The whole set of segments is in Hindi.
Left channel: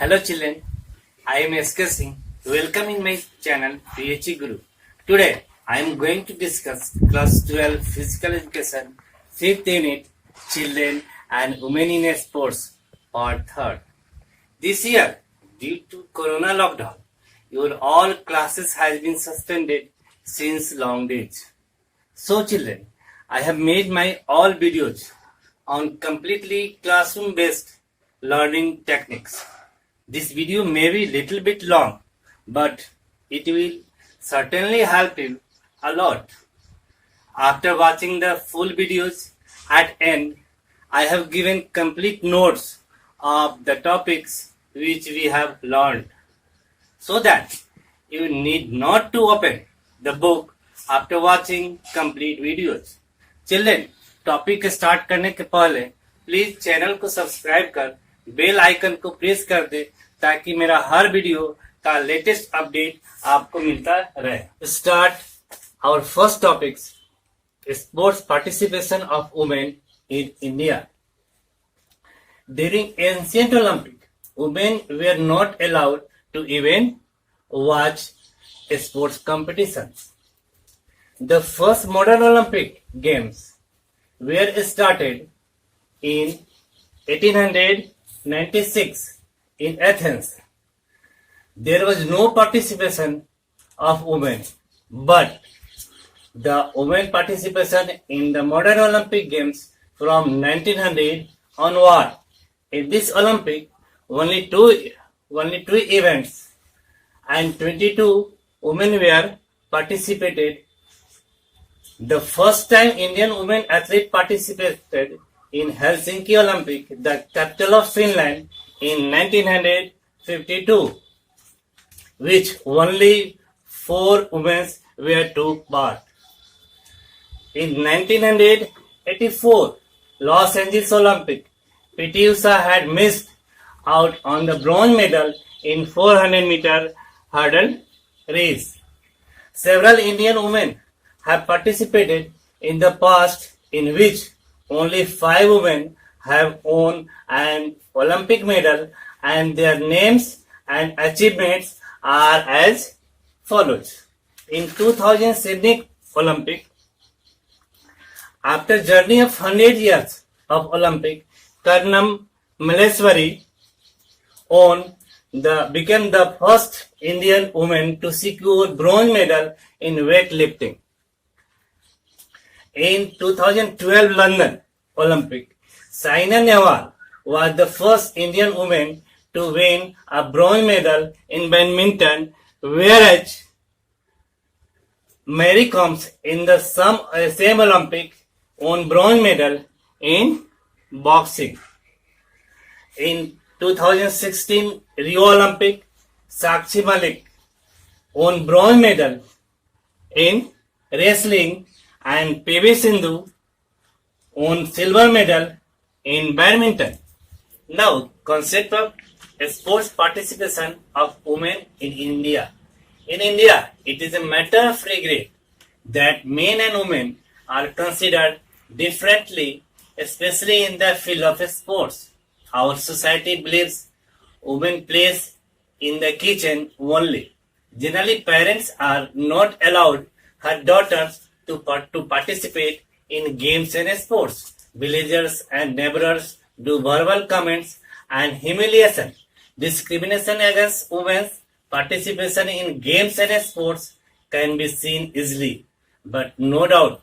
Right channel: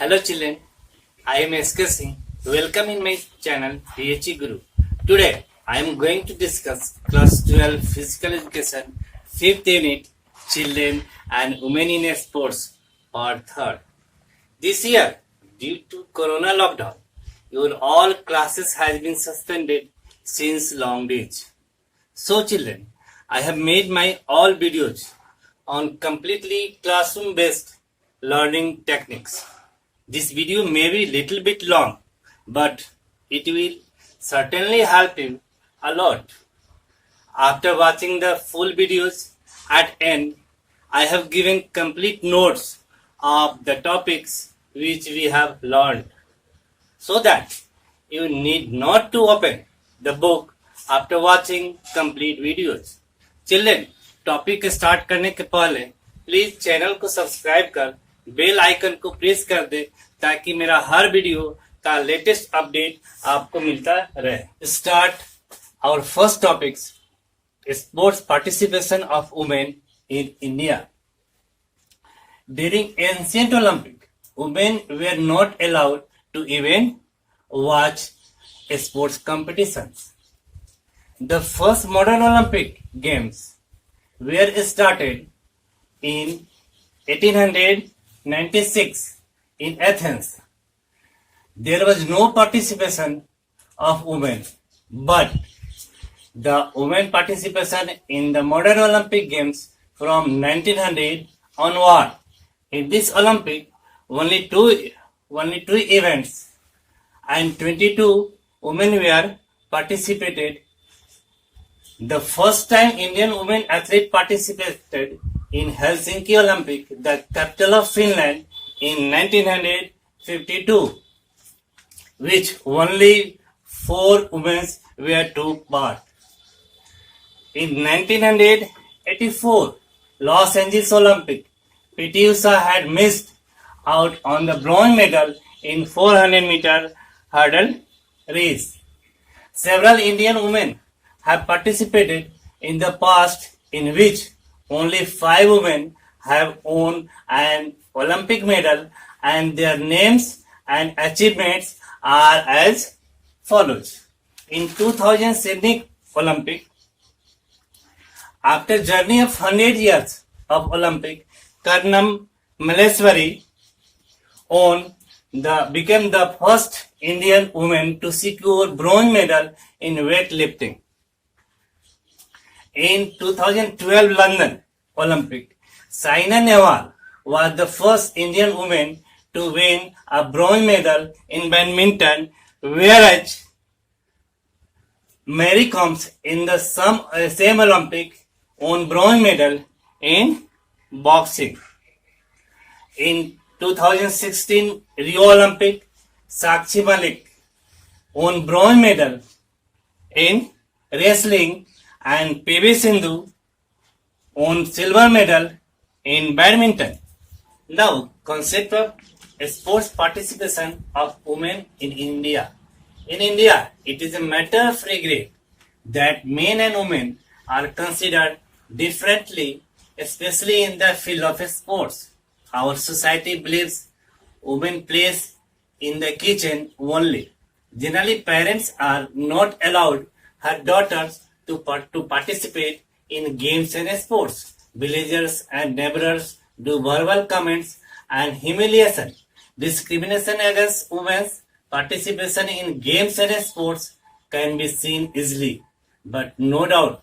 Hello children, I am SK Singh. Welcome in my channel PHE Guru. Today I am going to discuss class 12 physical education 5th unit children and women in sports part 3rd. This year due to corona lockdown your all classes has been suspended since long days. So children, I have made my all videos on completely classroom based learning techniques. This video may be little bit long, but it will certainly help you a lot. After watching the full videos at end, I have given complete notes of the topics which we have learned, so that you need not to open the book after watching complete videos. Children, topic start करने के पहले प्लीज चैनल को सब्सक्राइब कर बेल आइकन को प्रेस कर दे ताकि मेरा हर वीडियो का लेटेस्ट अपडेट आपको मिलता रहे. Start our first topics sports participation of women in India. During ancient Olympic women were not allowed to even watch sports competitions. The first modern Olympic Games were started in 1896 in Athens. There was no participation of women, but the women participation in the modern Olympic Games from 1900 onward. In this Olympic, only two events and 22 women were participated. The first time Indian women athlete participated in Helsinki Olympic, the capital of Finland, in 1952, which only 4 women were took part. In 1984, Los Angeles Olympic, PT Usha had missed out on the bronze medal in 400 meter hurdle race. Several Indian women have participated in the past, in which only 5 women have won an Olympic medal, and their names and achievements are as follows. In 2000 Sydney Olympic, after journey of 100 years of Olympic, Karnam Malleswari became the first Indian woman to secure bronze medal in weightlifting. In 2012 London Olympic, Saina Nehwal was the first Indian woman to win a bronze medal in badminton, whereas Mary Kom in the same Olympic won bronze medal in boxing. In 2016 Rio Olympic, Sakshi Malik won bronze medal in wrestling, and PV Sindhu won silver medal in badminton. Now, concept of sports participation of women in India. In India, it is a matter of regret that men and women are considered differently, especially in the field of sports. Our society believes women plays in the kitchen only. Generally, parents are not allowed her daughters to participate in games and sports. Villagers and neighbors do verbal comments and humiliation. Discrimination against women's participation in games and sports can be seen easily. But no doubt,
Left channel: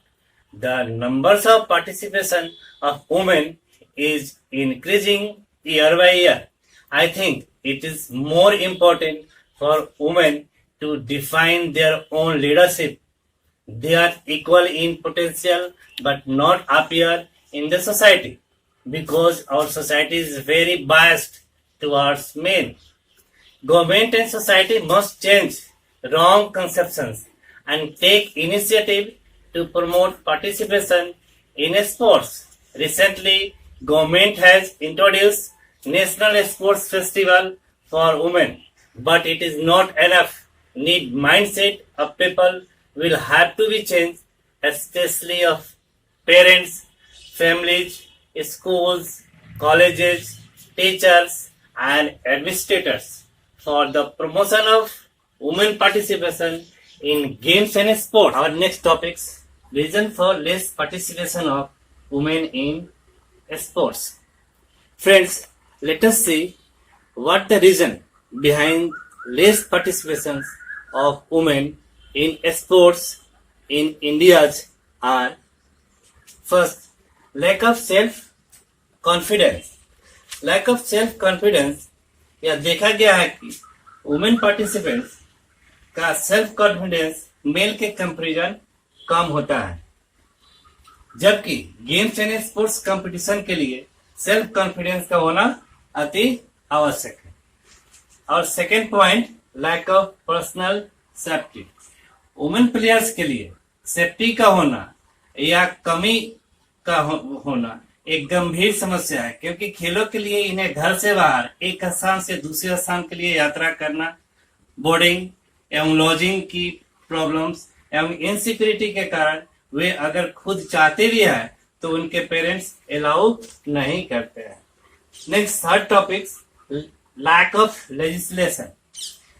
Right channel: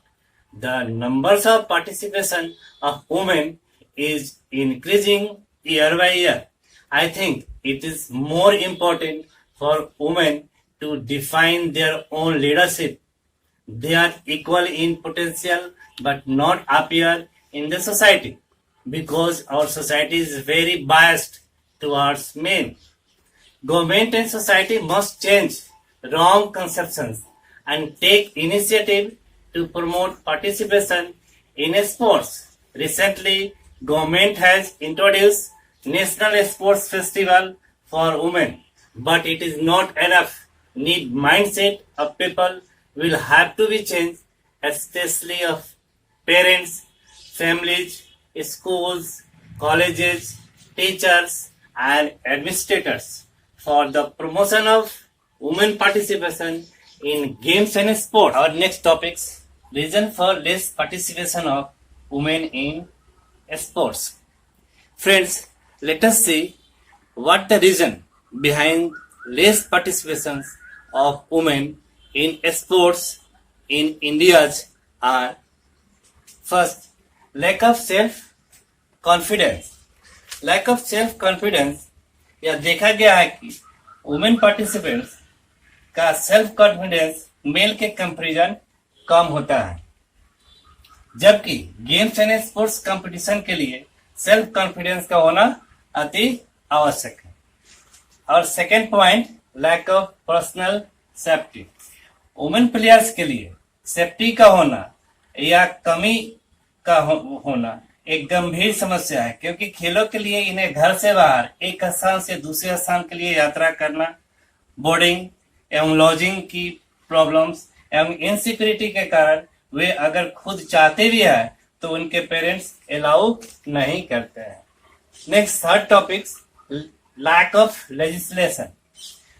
the numbers of participation of women is increasing year by year. I think it is more important for women to define their own leadership. They are equal in potential but not appear in the society, because our society is very biased towards men. Government and society must change wrong conceptions and take initiative to promote participation in sports. Recently, government has introduced National Sports Festival for women, but it is not enough. Need mindset of people will have to be changed, especially of parents, families, schools, colleges, teachers, and administrators for the promotion of women participation in games and sports. Our next topics, reason for less participation of women in sports. Friends, let us see what the reason behind less participation of women in sports in India are. First, lack of self confidence. Lack of self confidence, यह देखा गया है कि वुमेन पार्टिसिपेंट्स का सेल्फ कॉन्फिडेंस मेल के कंपैरिजन कम होता है, जबकि गेम्स एंड स्पोर्ट्स कंपटीशन के लिए सेल्फ कॉन्फिडेंस का होना अति आवश्यक है. और second point, lack of personal safety. Women players के लिए सेफ्टी का होना या कमी का होना एक गंभीर समस्या है, क्योंकि खेलों के लिए इन्हें घर से बाहर एक स्थान से दूसरे स्थान के लिए यात्रा करना, बोर्डिंग एवं लॉजिंग की प्रॉब्लम्स एवं इनसिक्योरिटी के कारण वे अगर खुद चाहते भी है तो उनके पेरेंट्स अलाउ नहीं करते हैं. Next, third topic, lack of legislation.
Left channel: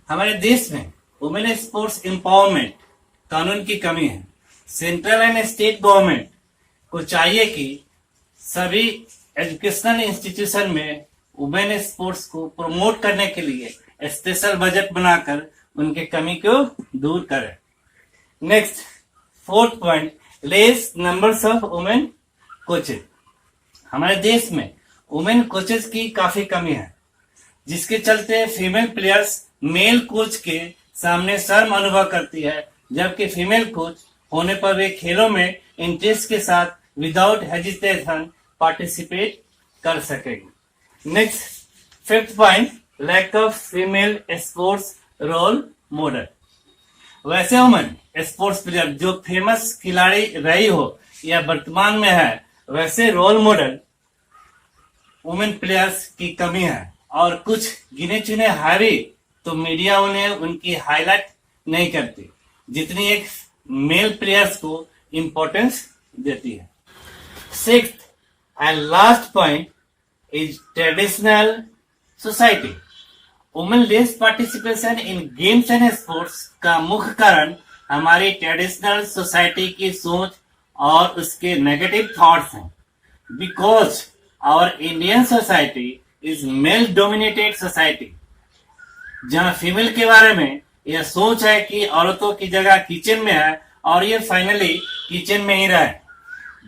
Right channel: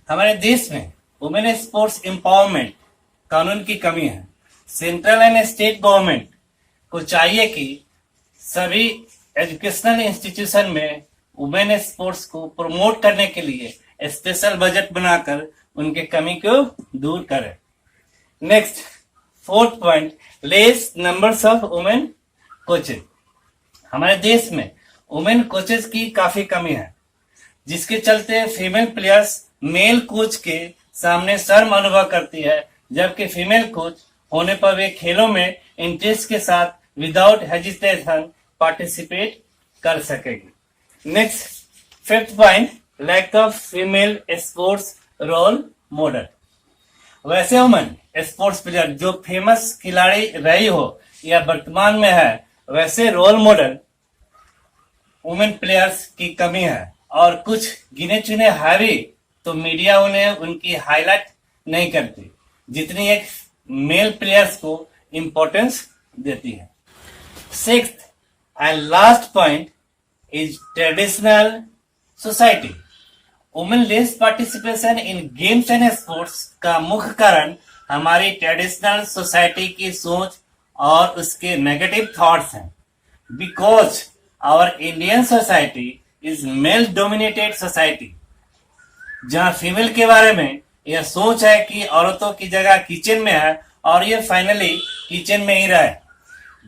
हमारे देश में वुमेन स्पोर्ट्स एम्पावरमेंट कानून की कमी है. सेंट्रल एंड स्टेट गवर्नमेंट को चाहिए कि सभी एजुकेशनल इंस्टीट्यूशन में वुमेन स्पोर्ट्स को प्रमोट करने के लिए स्पेशल बजट बनाकर उनके कमी को दूर करें. Next, fourth point, less numbers of women coaches. हमारे देश में वुमेन कोचेज की काफी कमी है, जिसके चलते फीमेल प्लेयर्स मेल कोच के सामने शर्म अनुभव करती है, जबकि फीमेल कोच होने पर वे खेलों में इंटरेस्ट के साथ विदाउट हेजिटेशन पार्टिसिपेट कर सकेगी. Next, fifth point, lack of female sports role model. वैसे वुमेन स्पोर्ट्स प्लेयर जो फेमस खिलाड़ी रही हो या वर्तमान में है, वैसे रोल मॉडल वुमेन प्लेयर्स की कमी है, और कुछ गिने चुने है भी तो मीडिया उन्हें उनकी हाईलाइट नहीं करती जितनी एक मेल प्लेयर्स को इम्पोर्टेंस देती है. Sixth and last point is traditional society. Women less participation in games and sports का मुख्य कारण हमारी ट्रेडिशनल सोसाइटी की सोच और उसके नेगेटिव थॉट्स हैं. Because our Indian society is male dominated society, जहाँ फीमेल के बारे में यह सोच है कि औरतों की जगह किचन में है और ये फाइनली किचन में ही रहे.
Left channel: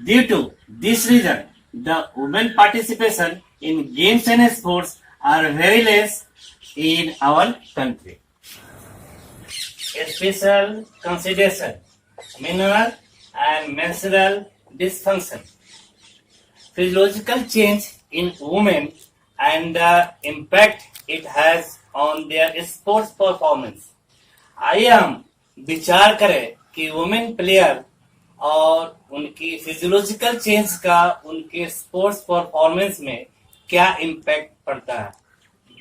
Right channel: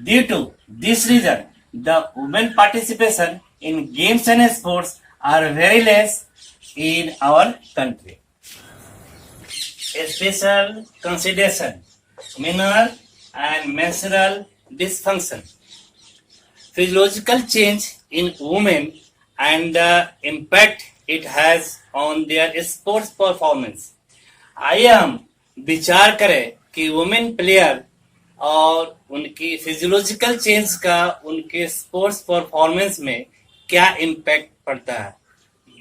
Due to this reason the women participation in games and sports are very less in our country. A special consideration, mineral and menstrual dysfunction. Physiological change in women and the impact it has on their sports performance. आइए हम विचार करें कि वुमेन प्लेयर और उनकी फिजियोलॉजिकल चेंज का उनके स्पोर्ट्स परफॉर्मेंस में क्या इम्पैक्ट पड़ता है.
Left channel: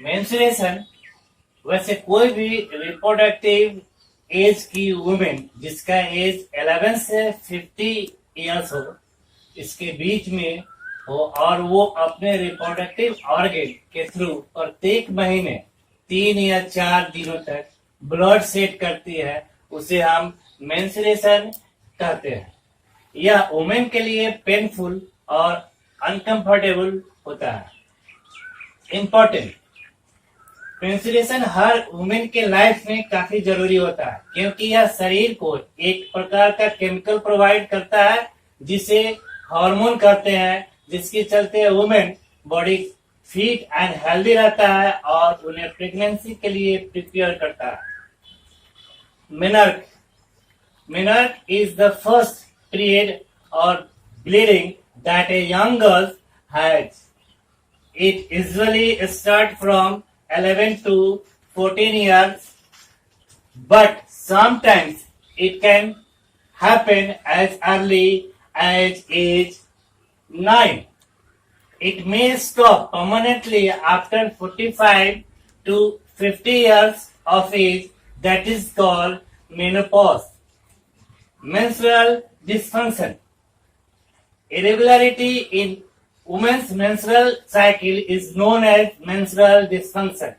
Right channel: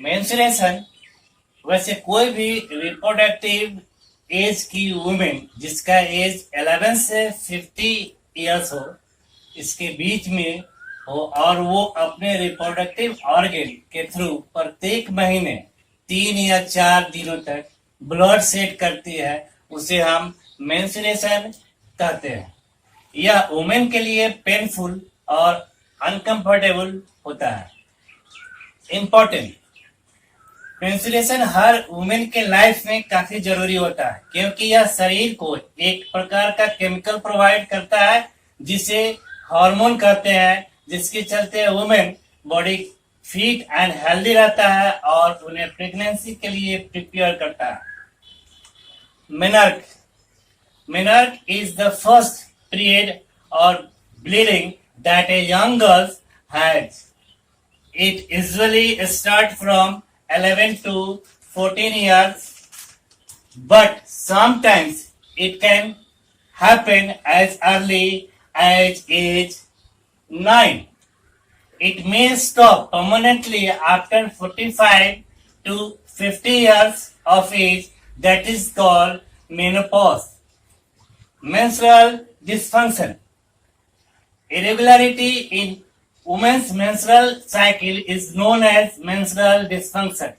मेंस्ट्रुएशन, वैसे कोई भी रिप्रोडक्टिव एज की वुमेन जिसका एज 11 से 50 इयर्स हो, इसके बीच में हो, और वो अपने रिप्रोडक्टिव ऑर्गन के थ्रू प्रत्येक महीने 3 या 4 दिनों तक ब्लड सेट करती है, उसे हम मेंस्ट्रुएशन कहते हैं. यह वुमेन के लिए पेनफुल और अनकंफर्टेबल होता है. इम्पोर्टेंट, मेंस्ट्रुएशन हर वुमेन के लाइफ में काफी जरूरी होता है, क्योंकि यह शरीर को एक प्रकार का केमिकल प्रोवाइड करता है जिसे हार्मोन कहते हैं, जिसके चलते women body fit and healthy रहता है और उन्हें प्रेगनेंसी के लिए प्रिपेयर करता है. Menarche is the first period or bleeding that a young girl has. It usually starts from 11 to 14 years, but sometimes it can happen as early as age 9. It may stop permanently after 45 to 50 years of age, that is called menopause. Menstrual dysfunction. Irregularity in women's menstrual cycle is known as menstrual dysfunction.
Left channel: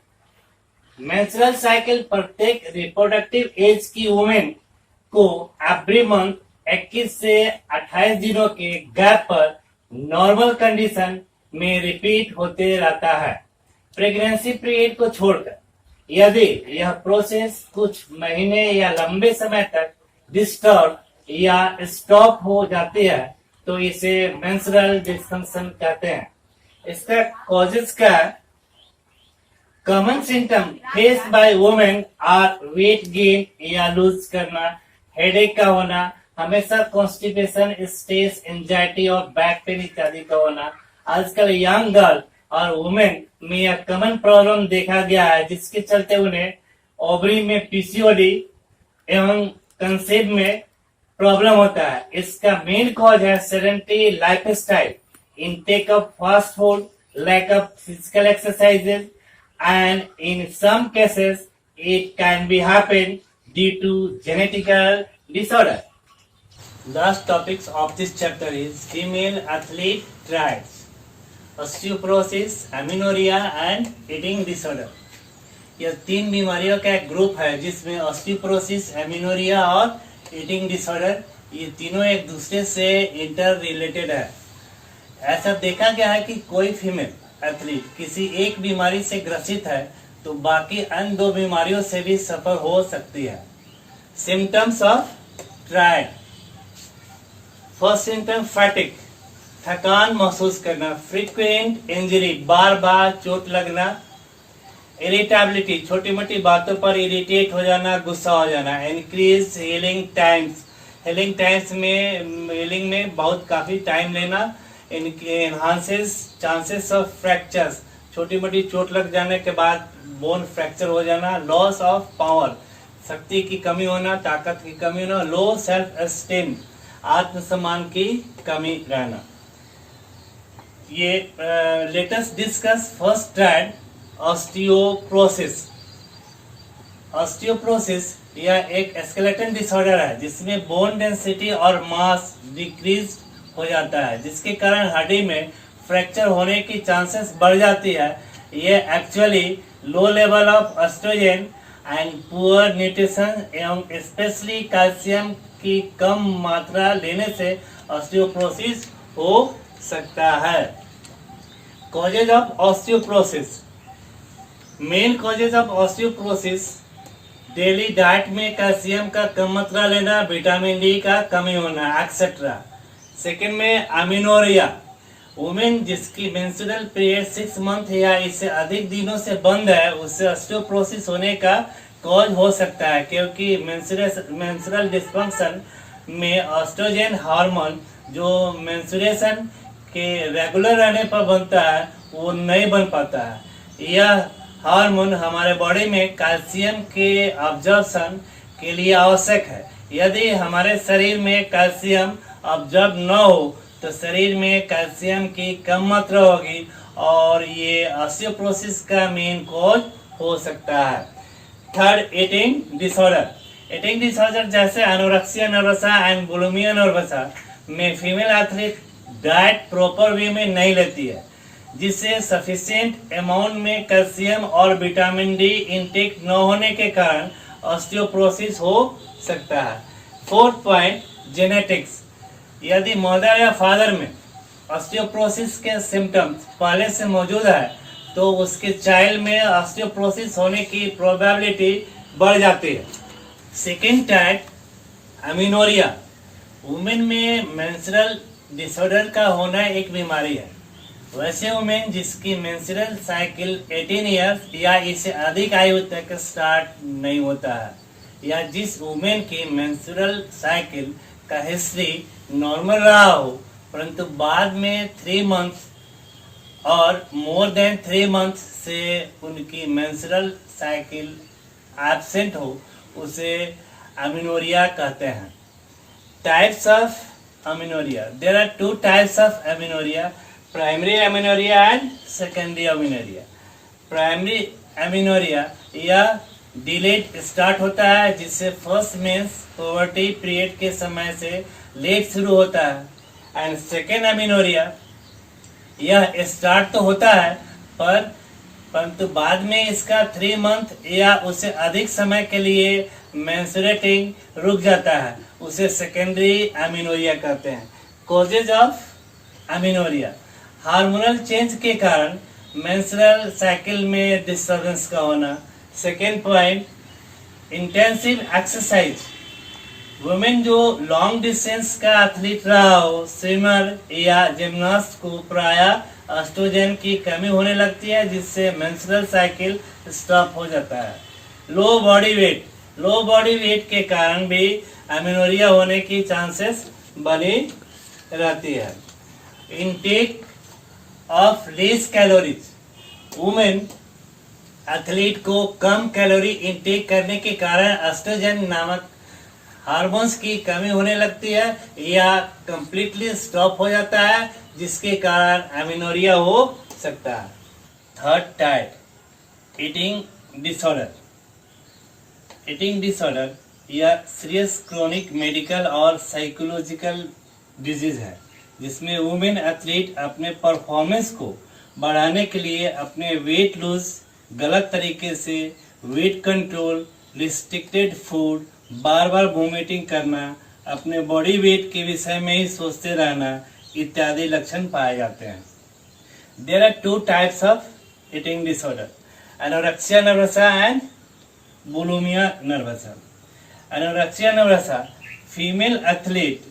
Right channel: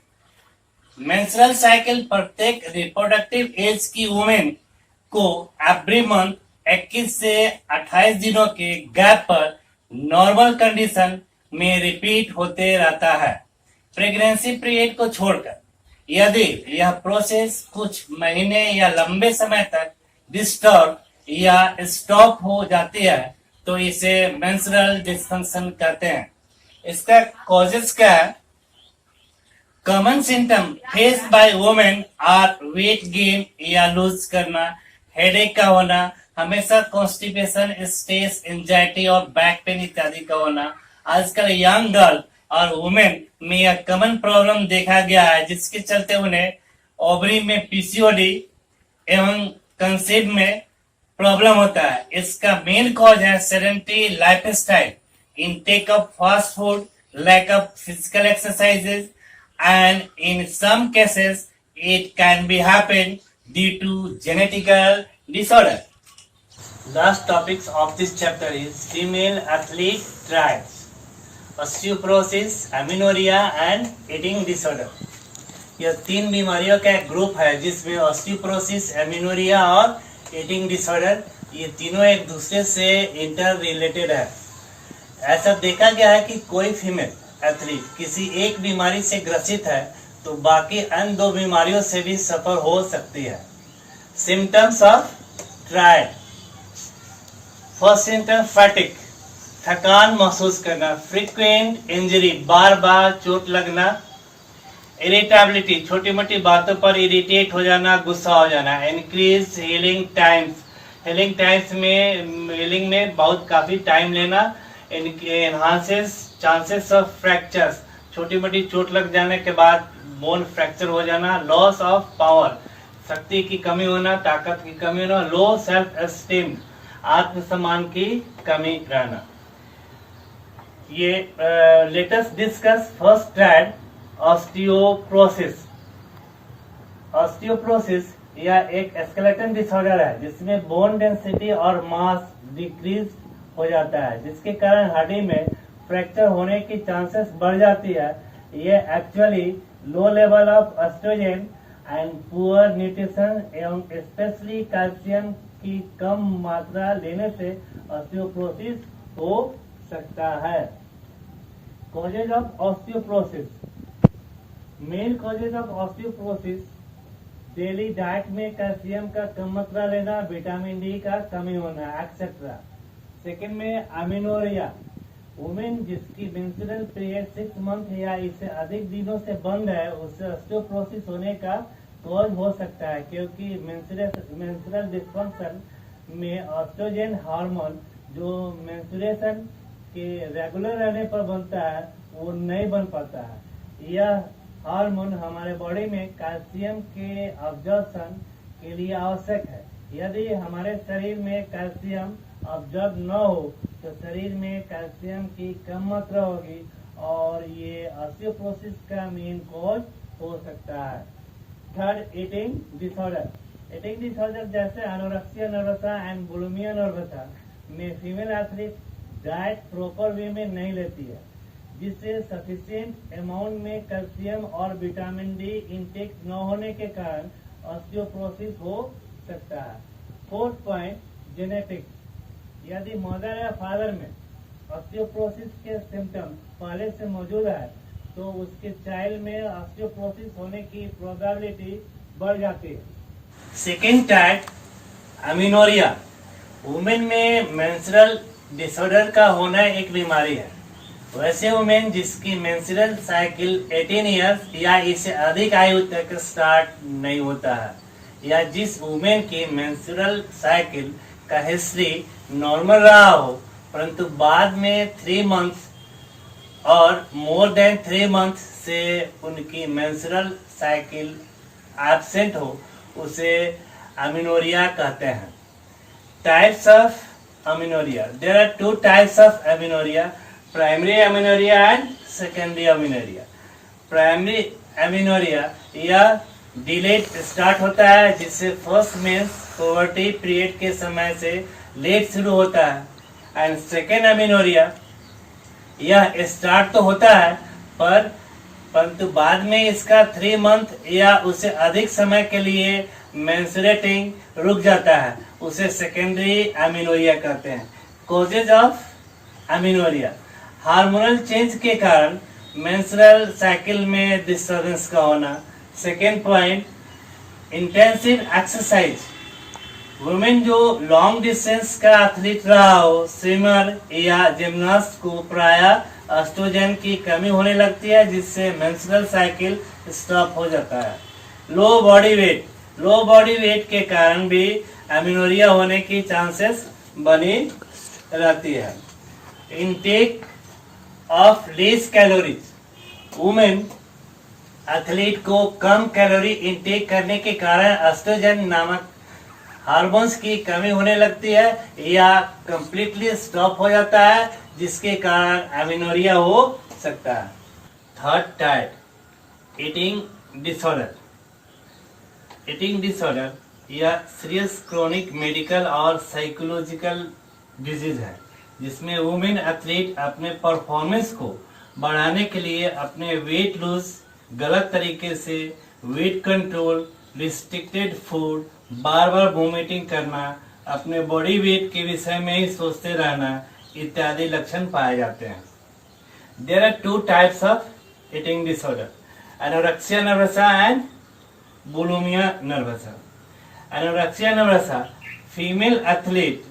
Menstrual cycle प्रत्येक रिप्रोडक्टिव एज की वुमेन को एवरी मंथ 21 से 28 दिनों के गैप पर नॉर्मल कंडीशन में रिपीट होते रहता है प्रेगनेंसी पीरियड को छोड़कर। यदि यह प्रोसेस कुछ महीने या लंबे समय तक डिस्टर्ब या स्टॉप हो जाती है तो इसे मेंस्ट्रुअल डिस्फंक्शन कहते हैं। इसका कॉजेस क्या है? Common symptom face by women are weight gain या लूज करना, हेडेक का होना, हमेशा कॉन्स्टिपेशन, स्ट्रेस, एंजाइटी और बैक पेन इत्यादि का होना। आजकल यंग गर्ल और वुमेन में यह कॉमन प्रॉब्लम देखा गया है जिसके चलते उन्हें ओवरी में पीसीओडी एवं कंसीव में प्रॉब्लम होता है। इसका मेन कॉज है sedentary lifestyle, intake of fast food, lack of physical exercises and in some cases it can be happen due to genetical disorder. Last topics of this chapter is female athlete triads, osteoporosis, amenorrhea and eating disorder. यह 3 बीमारियों का एक ग्रुप है जिसमें ऑस्टियोपोरोसिस, एमिनोरिया और ईटिंग डिसऑर्डर ये तीनों एक दूसरे से इंटर रिलेटेड है। ऐसा देखा गया है कि कोई फीमेल एथलीट किसी एक बीमारी से ग्रसित है तो बाकी अन्य 2 बीमारियों से भी सफर हो सकती है। Symptoms of triad. First symptom फैटिक, थकान महसूस करना, फ्रीक्वेंट इंजरी, बार बार चोट लगना, इरिटेबिलिटी, छोटी मोटी बातों पर इरिटेट हो जाना, गुस्सा हो जाना, इंक्रीज हीलिंग टाइम्स, हीलिंग में बहुत काफी टाइम लेना, एनहांसेस चांसेस ऑफ फ्रैक्चर्स, छोटी मोटी चोट लग जाने के बाद बोन फ्रैक्चर हो जाना, लॉस ऑफ पावर, शक्ति की कमी होना, ताकत की कमी होना, लो सेल्फ एस्टीम, आत्मसम्मान की कमी रहना। ये latest discuss first triad, osteoporosis. Osteoporosis यह एक स्केलेटन डिसऑर्डर है जिसमें बोन डेंसिटी और मास डिक्रीज हो जाता है जिसके कारण हड्डी में फ्रैक्चर होने की चांसेस बढ़ जाती है। ये actually low level of oestrogen and poor nutrition एवं स्पेशली कैल्शियम की कम मात्रा लेने से ऑस्टियोपोरोसिस हो सकता है। Causes of osteoporosis. Main causes of osteoporosis daily diet में कैल्शियम का कम मात्रा लेना, विटामिन डी का कमी होना एक्सेट्रा। सेकेंड में अमीनोरिया, वुमेन जिसकी मेंस्ट्रुअल पीरियड 6 मंथ या इससे अधिक दिनों से बंद है उससे ऑस्टियोपोरोसिस होने का कॉज हो सकता है क्योंकि मेंस्ट्रुअल डिस्फंक्शन में ऑस्ट्रोजन हार्मोन जो मेंस्ट्रुएशन के रेगुलर रहने पर बनता है वो नहीं बन पाता है। यह हार्मोन हमारे बॉडी में कैल्शियम के अब्जॉर्प्शन के लिए आवश्यक है। यदि हमारे शरीर में कैल्शियम ऑब्जर्व न हो तो शरीर में कैल्शियम की कम मात्रा होगी और ये ऑस्टियोपोरोसिस का मेन कॉज हो सकता है। Third, eating disorder. Eating disorder जैसे एनोरेक्सिया नर्वसा एंड बुलिमिया नर्वसा में female athlete diet proper way में नहीं लेती है जिससे सफिशिएंट अमाउंट में कैल्शियम और विटामिन डी इनटेक न होने के कारण ऑस्टियोपोरोसिस हो सकता है। Fourth point, genetics. यदि मदर या फादर में ऑस्टियोपोरोसिस के सिम्टम्स पहले से मौजूद है तो उसके चाइल्ड में ऑस्टियोपोरोसिस होने की प्रोबेबिलिटी बढ़ जाती है। Second type, amenorrhoea. वुमेन में मेंस्ट्रुअल डिसऑर्डर का होना एक बीमारी है। वैसे वुमेन जिसकी मेंस्ट्रुअल साइकिल 18 इयर्स या इससे अधिक आयु तक स्टार्ट नहीं होता है या जिस वुमेन की मेंस्ट्रुअल साइकिल का हिस्ट्री नॉर्मल रहा हो परंतु बाद में 3 मंथ और मोर देन 3 मंथ से उनकी मेंस्ट्रुअल साइकिल एब्सेंट हो उसे अमीनोरिया कहते हैं। Types of amenorrhoea. There are 2 types of amenorrhoea, primary amenorrhoea and secondary amenorrhoea. Primary amenorrhoea यह डिलेड स्टार्ट होता है जिससे फर्स्ट मेंस पुबर्टी पीरियड के समय से लेट शुरू होता है। एंड सेकेंड अमीनोरिया यह स्टार्ट तो होता है परंतु बाद में इसका 3 मंथ या उससे अधिक समय के लिए मेंस्ट्रुएटिंग रुक जाता है। उसे सेकेंडरी अमीनोरिया कहते हैं। कॉजेज ऑफ अमीनोरिया, हार्मोनल चेंज के कारण मेंस्ट्रुअल साइकिल में डिस्टर्बेंस का होना। Second point, intensive exercise, women जो लॉन्ग डिस्टेंस का एथलीट रहा हो, स्विमर या जिम्नास्ट को प्रायः एस्ट्रोजन की कमी होने लगती है, जिससे मेंस्ट्रुअल साइकिल स्टॉप हो जाता है। लो बॉडी वेट के कारण भी अमीनोरिया होने की चांसेस बनी रहती है। Intake of less calories, women athlete को कम कैलोरी इनटेक करने के कारण एस्ट्रोजन नामक हार्मोन्स की कमी होने लगती है या कंप्लीटली स्टॉप हो जाता है, जिसके कारण अमीनोरिया हो सकता है। थर्ड टाइप, ईटिंग डिसऑर्डर यह सीरियस क्रोनिक मेडिकल और साइकोलॉजिकल डिजीज है, जिसमें वुमेन एथलीट अपने परफॉर्मेंस को बढ़ाने के लिए अपने वेट लूज, गलत तरीके से वेट कंट्रोल, रिस्ट्रिक्टेड फूड, बार बार वोमिटिंग करना, अपने बॉडी वेट के विषय में ही सोचते रहना इत्यादि लक्षण पाए जाते हैं। There are 2 types of eating disorder, anorexia nervosa and bulimia nervosa. Anorexia nervosa, female athlete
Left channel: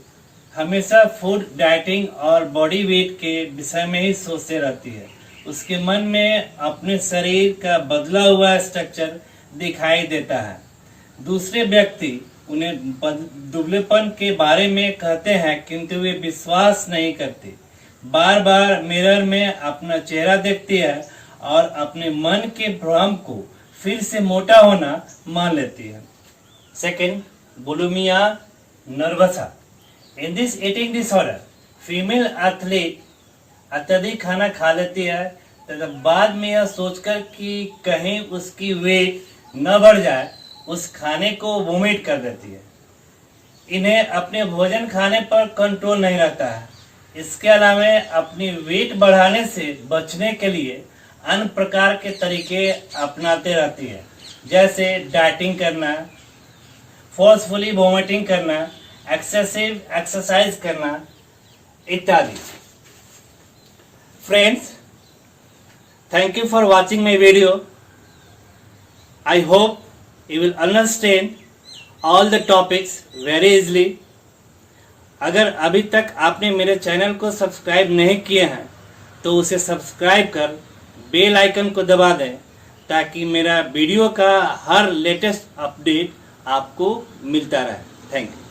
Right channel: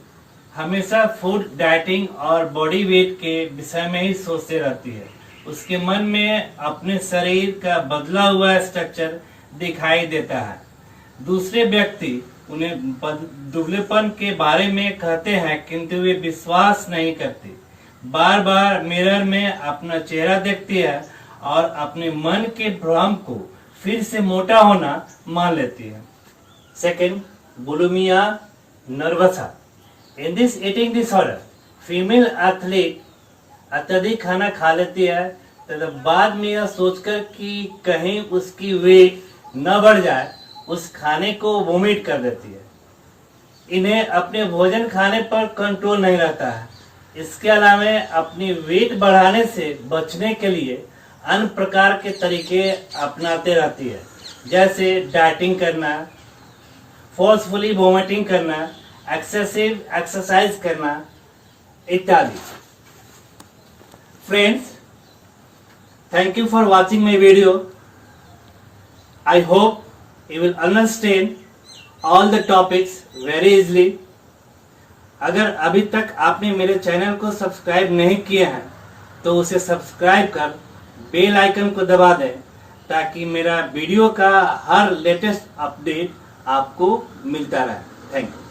हमेशा फूड, डाइटिंग और बॉडी वेट के विषय में ही सोचते रहती है। उसके मन में अपने शरीर का बदला हुआ स्ट्रक्चर दिखाई देता है। दूसरे व्यक्ति उन्हें दुबलेपन के बारे में कहते हैं, किंतु वे विश्वास नहीं करती। बार बार मिरर में अपना चेहरा देखती है और अपने मन के भ्रम को फिर से मोटा होना मान लेती है। Second, bulimia nervosa. In this eating disorder, female athlete अत्यधिक खाना खा लेती है तथा बाद में यह सोचकर कि कहीं उसकी वेट न बढ़ जाए, उस खाने को वोमिट कर देती है। इन्हें अपने भोजन खाने पर कंट्रोल नहीं रहता है। इसके अलावा अपनी वेट बढ़ाने से बचने के लिए अन्य प्रकार के तरीके अपनाते रहती है, जैसे डाइटिंग करना, फोर्सफुली वोमिटिंग करना, एक्सेसिव एक्सरसाइज करना इत्यादि। Friends, thank you for watching my video. I hope you will understand all the topics very easily. अगर अभी तक आपने मेरे चैनल को सब्सक्राइब नहीं किए हैं तो उसे सब्सक्राइब कर बेल आइकन को दबा दें, ताकि मेरा वीडियो का हर लेटेस्ट अपडेट आपको मिलता रहे। Thank you.